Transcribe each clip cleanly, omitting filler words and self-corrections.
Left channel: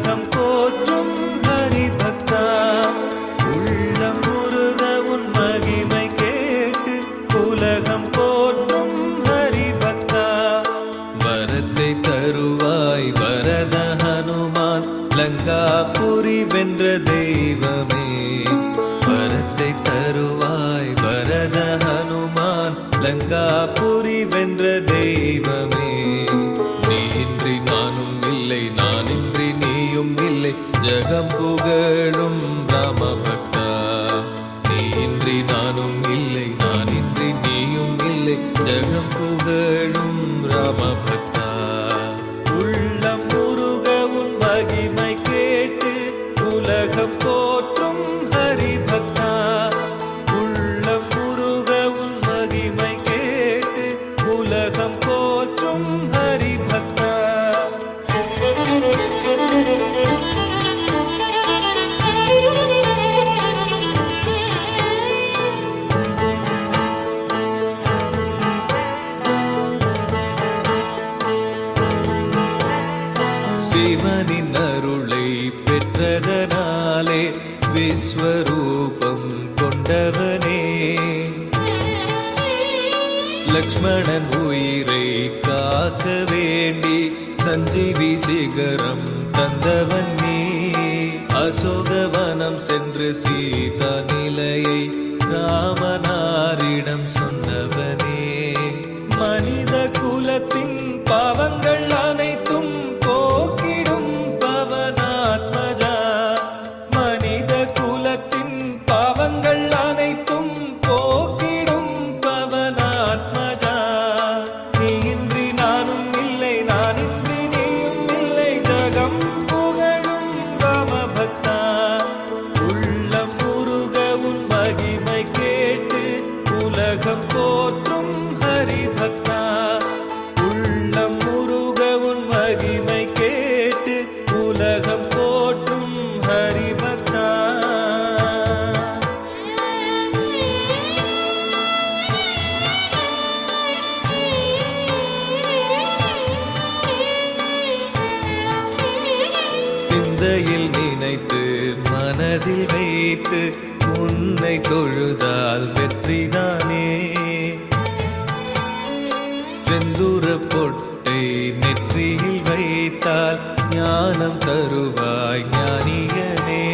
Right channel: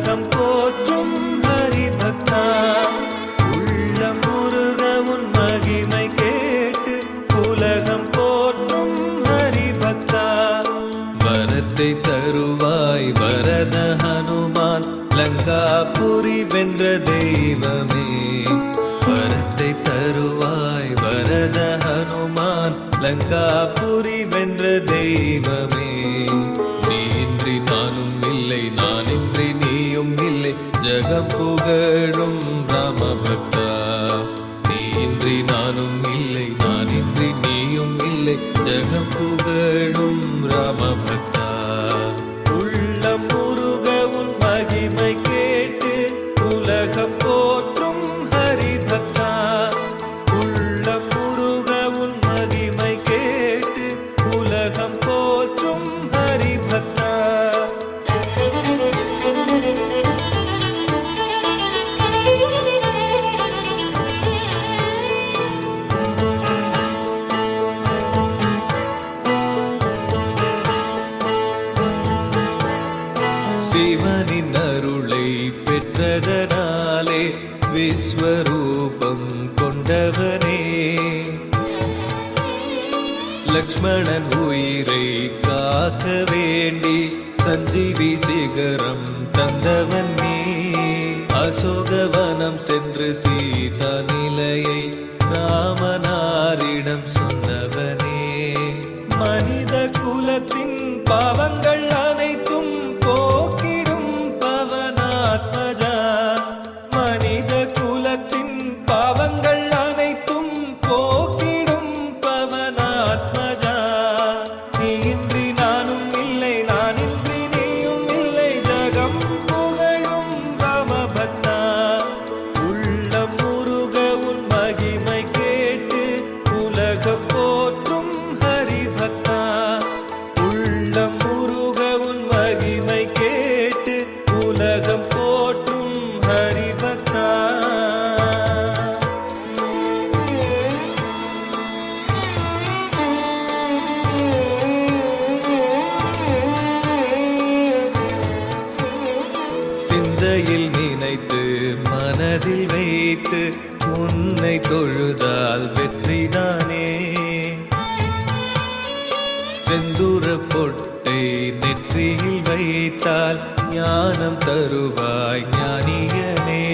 உலகம் போற்றும் ஹரிபக்தா உள்ளம் முருக உன் மகிமை கேட்டு உலகம் போற்றும் ஹரிபக்தா வரத்தை தருவாய் வரத ஹனுமான் லங்காபுரி வென்ற தெய்வமே வரத்தை தருவாய் வரத ஹனுமான் லங்காபுரி வென்ற தெய்வமே நீ இன்றி நானும் இல்லை நான் இன்றி நீயும் இல்லை ஜகம் புகழும் ராமபக்தா நீ இன்றி நானும் இல்லை நான் இன்றி நீயும் இல்லை ஜகம் புகழும் ராமபக்தா உள்ளம் முருக உன் மகிமை கேட்டு உலகம் போற்றும் ஹரிபக்தா உள்ளம் முருக உன் மகிமை கேட்டு உலகம் போற்றும் ஹரிபக்தா சிவனின் அருளை பெற்றதனாலே விஸ்வரூபம் கொண்டவனே லக்ஷ்மணன் உயிரை காக்க வேண்டி சஞ்சீவி சிகரம் தந்தவன் நீ அசோகவனம் சென்று சீதா நிலையை ராமனாரிடம் சொன்னவனே மனித குலத்தின் பாவங்கள் அனைத்தும் போக்கிடும் பவனாத்மஜா மனித குலத்தின் பாவங்கள் அனைத்தும் போக்கிடும் பவனாத்மஜா நீ இன்றி நானும் இல்லை நான் இன்றி நீயும் இல்லை ஜகம் புகழும் ராமபக்தா உள்ளம் முருக உன் மகிமை கேட்டு உலகம் போற்றும் ஹரிபக்தா உள்ளம் முருக உன் மகிமை கேட்டு உலகம் போற்றும் ஹரிபக்தா சிந்தையில் நினைத்து மனதில் வைத்து உன்னை தொழுதால் வெற்றிதானே செந்தூர பொட்டை நெற்றியில் வைத்தால் ஞானம் தருவாய் ஞானியனே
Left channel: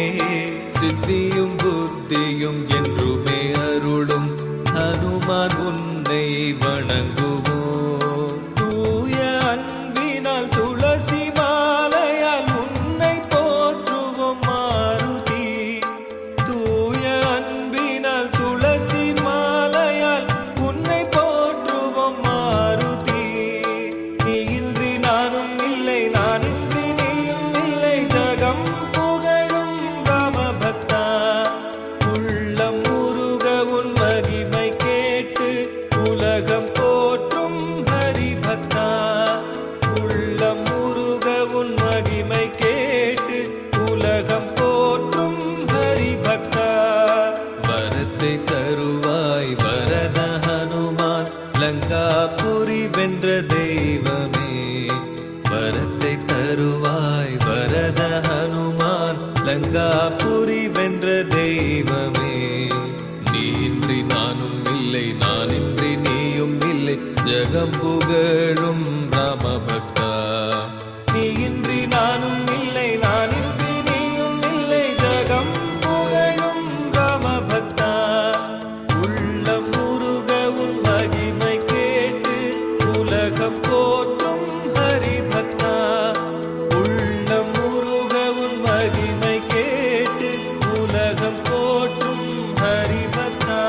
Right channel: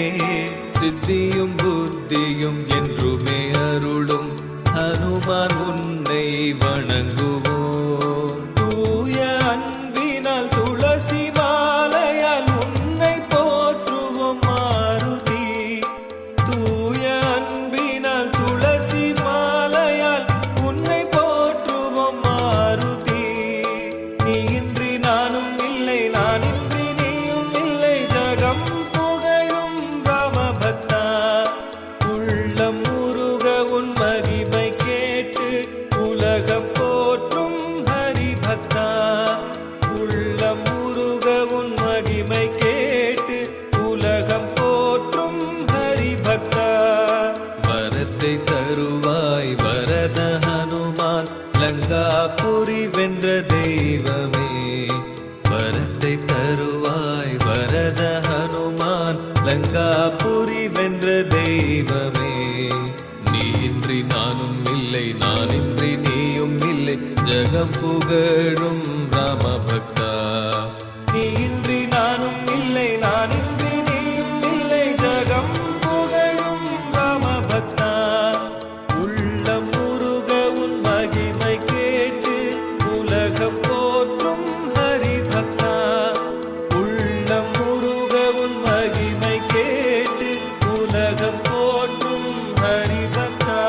சித்தியும் புத்தியும் என்றுமே அருளும் ஹனுமான் உன்னை வணங்குவோம் தூய அன்பினால் துளசி மாலையால் உன்னை போற்றுவோம் மாருதி தூய அன்பினால் துளசி மாலையால் உன்னை போற்றுவோம் மாருதி நீ இன்றி நானும் இல்லை நான் இன்றி நீயும் இல்லை ஜகம் புகழும் ராமபக்தா உள்ளம் முருக உன் மகிமை கேட்டு உலகம் போற்றும் ஹரிபக்தா உள்ளம் முருக உன் மகிமை கேட்டு உலகம் போற்றும் ஹரிபக்தா வரத்தை தருவாய் வரத ஹனுமான் லங்காபுரி வென்ற தெய்வமே வரத்தை தருவாய் வரத ஹனுமான் லங்காபுரி வென்ற தெய்வமே நீ இன்றி நானும் இல்லை நான் இன்றி நீயும் இல்லை ஜகம் புகழும் ராமபக்தா நீ இன்றி நானும் இல்லை நான் இன்றி நீயும் இல்லை ஜகம் புகழும் ராமபக்தா உள்ளம் முருக உன் மகிமை கேட்டு உலகம் போற்றும் ஹரிபக்தா உள்ளம் முருக உன் மகிமை கேட்டு உலகம் போற்றும் ஹரிபக்தா